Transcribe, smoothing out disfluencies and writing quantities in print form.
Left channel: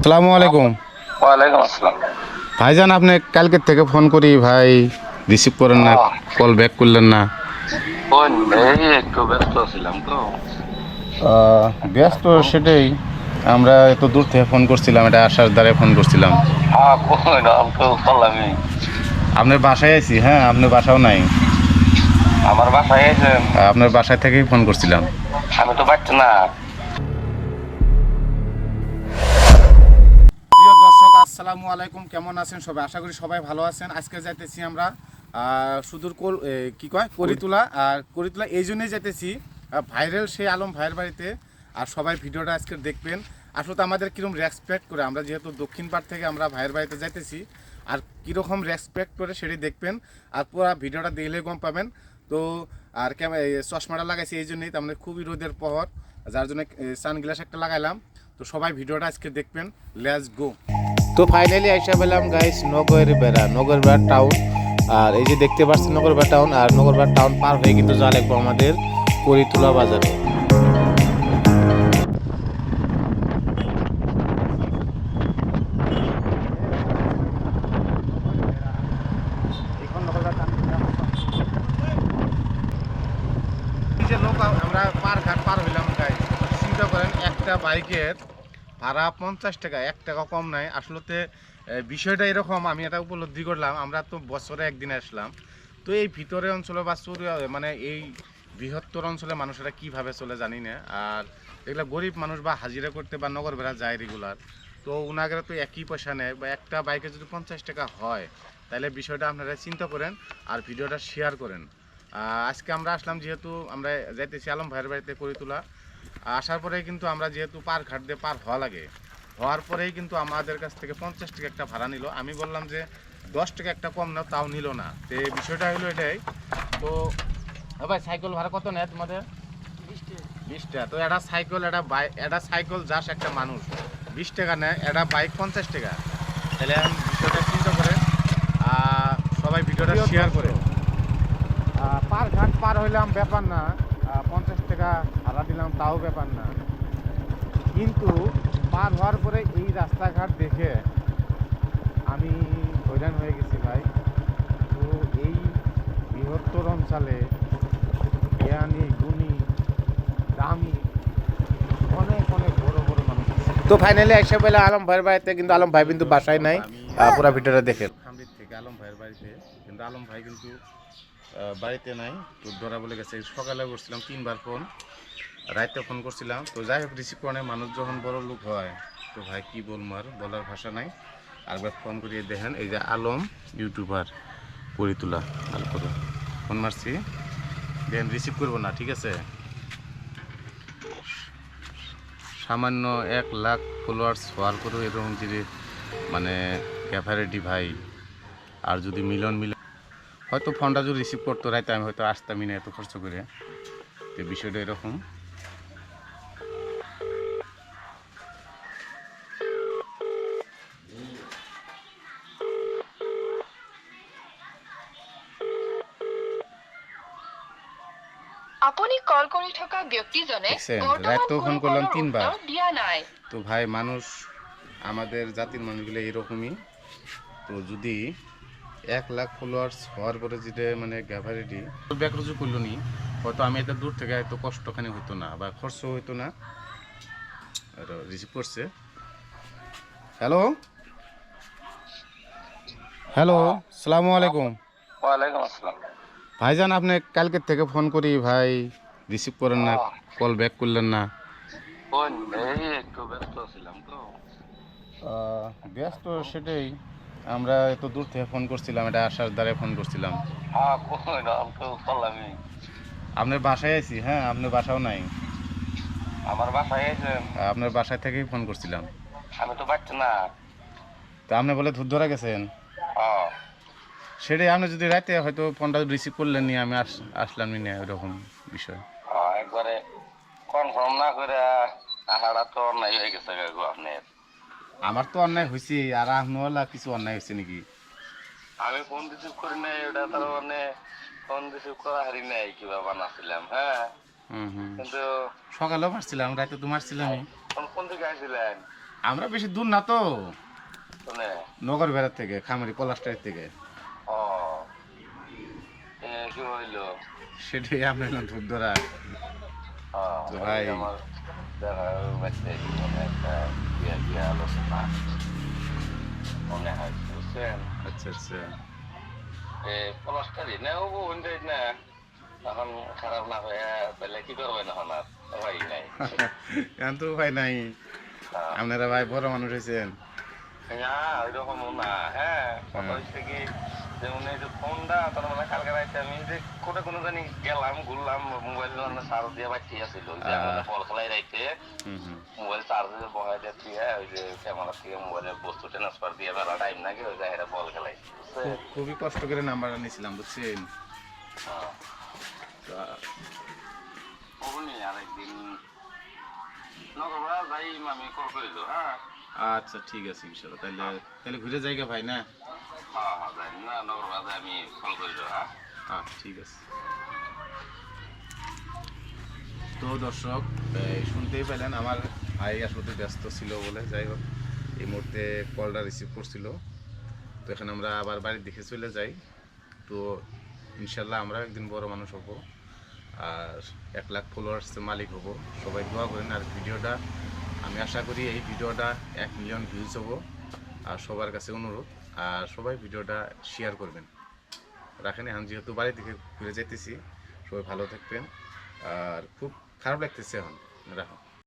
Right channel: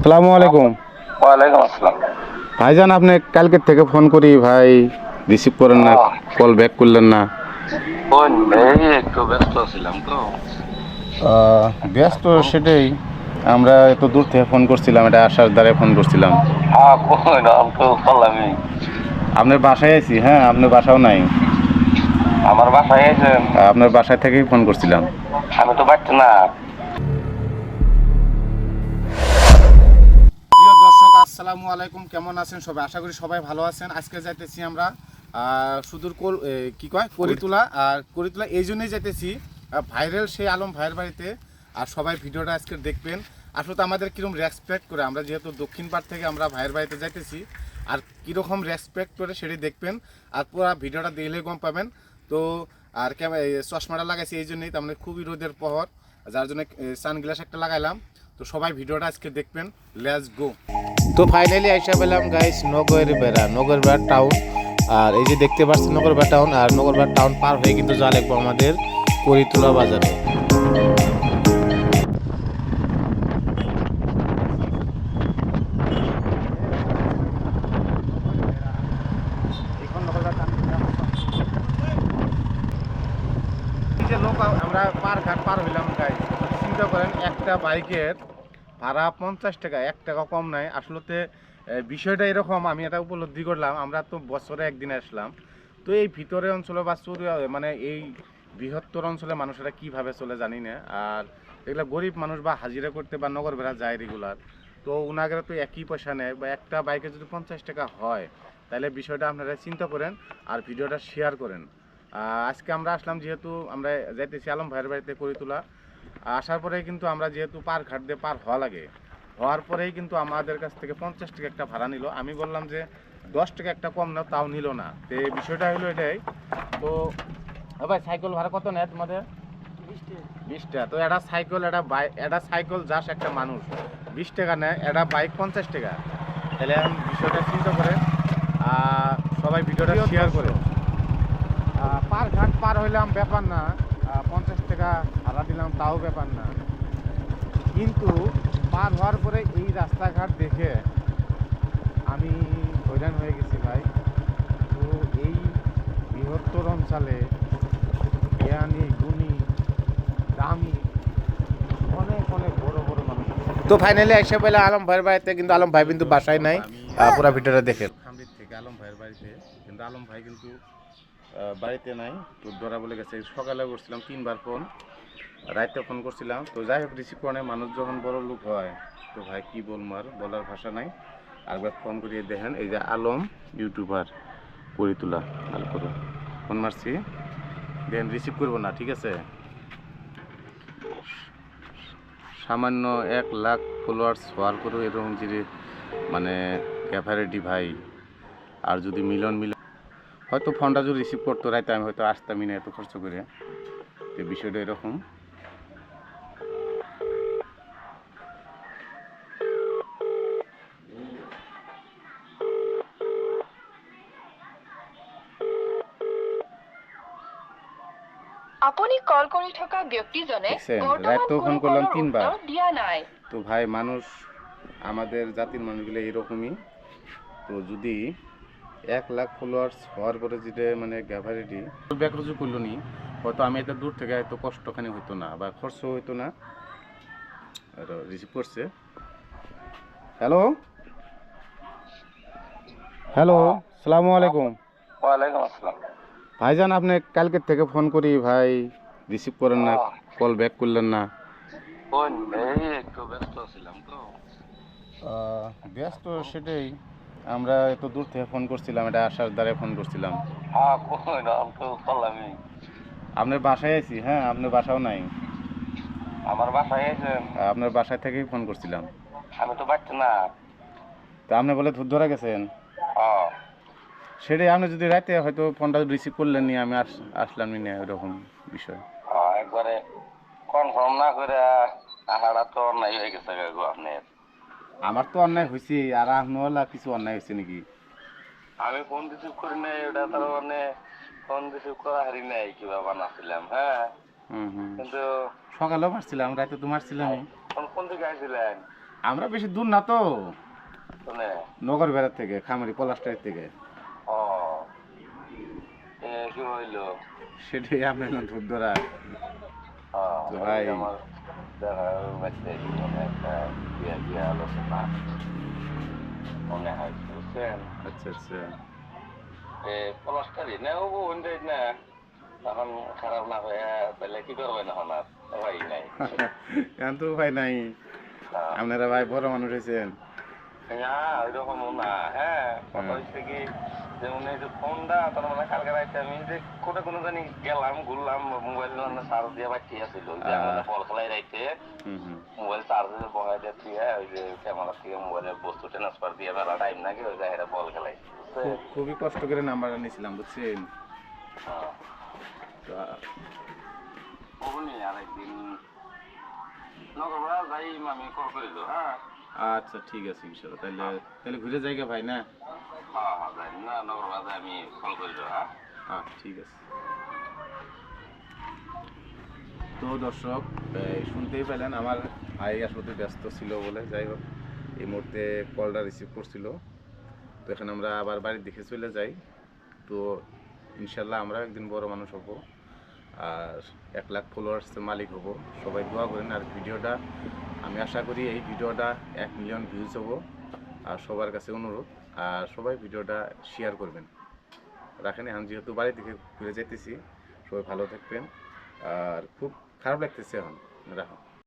আসসালামু আলাইকুম। ওয়ালাইকুম আসসালাম। ভাইজান, আপনি কালকে থেকে ফোন করি ভাই, রিসিভ করেন না, কল ব্যাক করলেন না। কোন এই একটু ব্যস্ত ছিলাম তো। ব্যস্ত সেটাই, আমরা এত দূর থেকে ফোন করছিলাম, এটা আসার দ্বারে ফোন করছিলাম। হ্যাঁ, কোন আমি তো করলামই। আপনার বাসায় আছি, হ্যাঁ আপনার বাসাও নাই। আমার বাসায় এসেছেন? আপনার বাসায় থেকেই ফোন করছিলাম। আমি তো পারছি না। প্রিয় দর্শক, আসসালামু আলাইকুম। কেমন আছেন সবাই? আশা করি সবাই ভালো আছেন। আজকে যাইতেছি আমরা সুদূর কি কয় করিতুলা। আর করিতুলা এই জন্যই যাইতেছি, ভাইরাল সেই আলম ভাইয়ের বাড়িতে। আর সবাই ভিডিওটা আজকে দেখবেন। আসলে আমাদের কীরকম রেসপেক্ট করে, আমরা যেহেতু দক্ষিণ পাড় থেকে আমরা ভাইয়ের বাড়িতে যাইতেছি, আর কীরকম রেসপেক্ট করে সেটি দেখবেন। আর পুরো ভিডিওটা দেখলে গম পাবেন। তো আর চশমাটা লাগাইছি এই জন্যই, তার মানে খুবই রোদের পহর, যার জন্য সানগ্লাস একটা লাগাইলাম। তো সবাই ভিডিওটা আজকে দেখবেন। Let's go. তো ফাইনালি আইসা পেলাম গাইস নগরবেড়া টাউন। আর এই যে দেখতে পাচ্ছেন নগরবেড়া টাউন। আর নগরবেড়া টাউন পার হয়ে কিন্তু যা লাগবো আমাদের করিতুলা বাজারে। আমরা পার হইলাম গাইস। চিন্তা করেন, একটা বাইকের ভাড়া 50 টাকা, 1 টাকা কম নাই। আসলে বিষয়টা এরকম, আমি এটা উপলব্ধি করলাম। আমরা তো বছরে একদিন আসলাম, তো এই ভিতরে অঞ্চলে বা মানে এই বৃহত্তর অঞ্চলে মানুষেরা কিভাবে চলে জানি না। আর এগুলো গরিব মানুষ বা হাজিরা করতে বা নগর বেড়া যায় রেগুলার, তো উনাগেরা তো একই পয়সা নেয়। বা একটা বাইকে যদি 50 টাকা হয়, তাহলে বিষয়টা আপনারা চিন্তা করেন আর ভিডিওটা শেয়ার করেন। আজকে আমরা আসলাম, যেহেতু আমরা যাইতেছি আলম ভাইয়ের বাড়িতে করিতুলা। আসার পরেই কিন্তু আমরা যেহেতু পার ঘাট দিয়ে পার হওয়া লাগে, হওয়ার পরেই কিন্তু আমাদের কাছ থেকে 50 টাকা একটা ভাড়া নিল। আমি বললাম যে 10 টাকা একটা কম নাও, তাও নিল না। তো এই বিষয়টা হলো এটাই। তো ভাই, সাইকেল ভাড়া কত নেয় তোমাদের? 20 টাকা। তো একটা সাইকেল, একটা সাইকেল যাস একটা মানুষ 20 টাকা নেয়, একটা বাইক 50 টাকা। তাহলে এখন বিষয়টা চিন্তা করে সবাই ভিডিওটা শেয়ার করে। পার ঘাট পার হইলাম ব্যাপার না, 50 টাকা ভাড়া দিলাম তাও ব্যাপার না। কিন্তু পার হওয়ার পরে এই রাস্তাঘাট দেখে আমি হয়রান হয়ে গেছি ভাই। তো এই বৃহত্তর অঞ্চলে জ্ঞানী গুণী দামি অনেক অনেক বড় বড় মানুষ আছে। তো ফাইনালি এসে পেলে আলম ভাইয়ের বাড়িতে, কিন্তু আলম ভাই কিন্তু বাসায় নাই। পুরো ভিডিওটা দেখে খামড়ির থেকে আলম ভাইয়ের বাড়িতে, কিন্তু আলম ভাই কিন্তু বাড়িতে নাই। তো ধরা বলে গেছে। সকালে করছিলাম 3বার ফোন, রাইতে ফোন করছিলাম। তো যাই হোক, রিসিভ করে। মানুষ যখন বড় লোক হয়, তো ভাই কি বলবো, আর বলার ভাষা নাই। আরেকবার ফোন করিয়ে দেখেন, এই যে আলম ইউটিউবার করিতুলা, ভালো করে ফোন মারছি, দেন রিসিভ করবো না, ঠিক আছে। সামান্য 1 লাখ ফলোয়ার্স হওয়ার পরেও এরকম যদি মানে ক্যাপারিটি ভাই, আর যদি মিলন হয়তো ফোনটা যদি রিসিভ করতো রাইতে, আমি হয়তো আসতামই না এত খরচ করে। তো বিষয়টা এরকম। আপুনি কল কৰি থকা ব্যক্তিজনে দেখছেন, বৰ্তমান রাইতেও ফোন কোনো করলাম কলৰ 3বার। উত্তৰ দিয়া নাই। তো ভাই, মানুষ আমাদের জাতির মানুষগুলো এরকমই। তো যদি 1 লাখ ফলোয়ার্স হওয়ার পরে যেটা মানে গ্যাভারিটি ব্যাকরুজু করলো নি, হয়তো আমি এত দূর থেকে এত কষ্টখানি হইতো না বা খরচ হইতো না। আর রিসিভ করছে। হ্যালো হ্যালো, সালামু আলাইকুম। ওয়ালাইকুম আসসালাম। ভাইজান, আপনি কালকের থেকে ফোন করি ভাই, রিসিভ করেন না, কল ব্যাক করলেন না। কোন এই একটু ব্যস্ত ছিলাম তো। ব্যস্ত সেটাই, আমরা এত দূর থেকে ফোন করছিলাম, এটা আসার দ্বারে ফোন করছিলাম। হ্যাঁ, কোন আমি তো করলামই। আপনার বাসায় আছি, হ্যাঁ আপনার বাসাও নাই। আমার বাসায় এসেছেন? আপনার বাসায় থেকেই ফোন করছিলাম। আমি তো পারছি না। তা আপনি বলে ধরা গেছেন। হ্যাঁ, সেটাই, আপনি যদি রাতে হয়তো ফোনটা রিসিভ করলেন নি, আমি আসলামই না, এরকম বিষয়। একবারে কনফার্ম না করে আহারা তো অন্যায় হয়ে গেছে গো আপনার। আমার তো অন্যায় হয়েছে, আর আপনার কিছু অন্যায় হয়েছে নাকি? আমি ফোন রিসিভ করি নাই, ওটা তার মানে ফোন রিসিভ করা হারি নাই কিভাবে বানাচ্ছিলাম। হ্যাঁ, হুম হুম। কিন্তু সকালেও মারছিলাম, রাতে তো মারছিলামই। কোন কোন দিকে আসছিলেন? আমরা বেশি দূর না তো, শুনে নগর বেড়ার থেকে, খামারি পলাশটার থেকে। ও কি হইলো? সেটাই আপনার ধূপ ধরা। তো ওই ভাই আমার দেখা বাচ্চা জীবনে একটা বিয়ে আলোচনা মনে হয়, বুঝছেন? আচ্ছা আচ্ছা। পলাশটারি না ও ওইটাই না, এখন খারাপ না হয়ে তাহলে কি করবেন এখন? আর ভাই নাই। এখন তো ভাই নাই, হ্যাঁ। আপনারা ভাই বড় মানুষ হয়েছেন। না ওইরকম না, হ্যাঁ কথা হ্যাঁ। হচ্ছে কি, যেমন এই যে ফোনটা তার মানে কালকে রাইতে আমি যে কোনো জানি গেলাম ঘুরলাম, মোবাইল মানে চার্জ দিয়ে বাড়তি আসছিল, ওই যে আমাদের বল খেলাই রাইতে হুম হুম। মোবাইল চার্জে বহাই দিয়ে দিয়ে ওই যে ক্যামেরা থেকে মোবাইলের বস্তু ট্রান্সফার দিয়ে মেলা টাইম নাকি ওই জায়গায় বল খেলাই, বুঝছেন? খুবই কষ্ট করে নাম্বারটা নিয়েছিলাম বুঝছেন। হ্যাঁ তো, কখনই আরেকদিন নগরবা যাই আমি কল করিল। হ্যাঁ আচ্ছা ঠিক আছে ইনশাল্লাহ, তাহলে তাহলে ঘুরে যাইগা ভাই না। হ্যাঁ হ্যাঁ যাই না, নগরবা যাই আমি কল করিল। হ্যাঁ হ্যাঁ ঠিক আছে। তো দর্শক, শুনতেই পেলেন আমার ভাই আসলে ব্যস্ত ছিল বলে, যাই হোক এই মুহূর্তে কলটা রিসিভ করছিল। তো এখানে আমরা আবার বাড়ির দিকে চলে যাই। তো ইনশাল্লাহ আমরা একদিন বড় মানুষ হব, আর 1 লাখ ফলোয়ার্সের মালিক হব। সবাই দোয়া করেন। আর ভিডিওটা আমি আশা করি এই ভিডিওটা 1 মিলিয়ন ভিউজ হব। আর সবার কাছে অনুরোধ, আর সবাই ভিডিওটা শেয়ার করবেন। রাখেন, এখন যেহেতু বাড়ি থেকে ঘুরে যেতেছি, সবাই ভালো থাকবেন। আর খুব খারাপ লাগতেছে এখন, রাখো।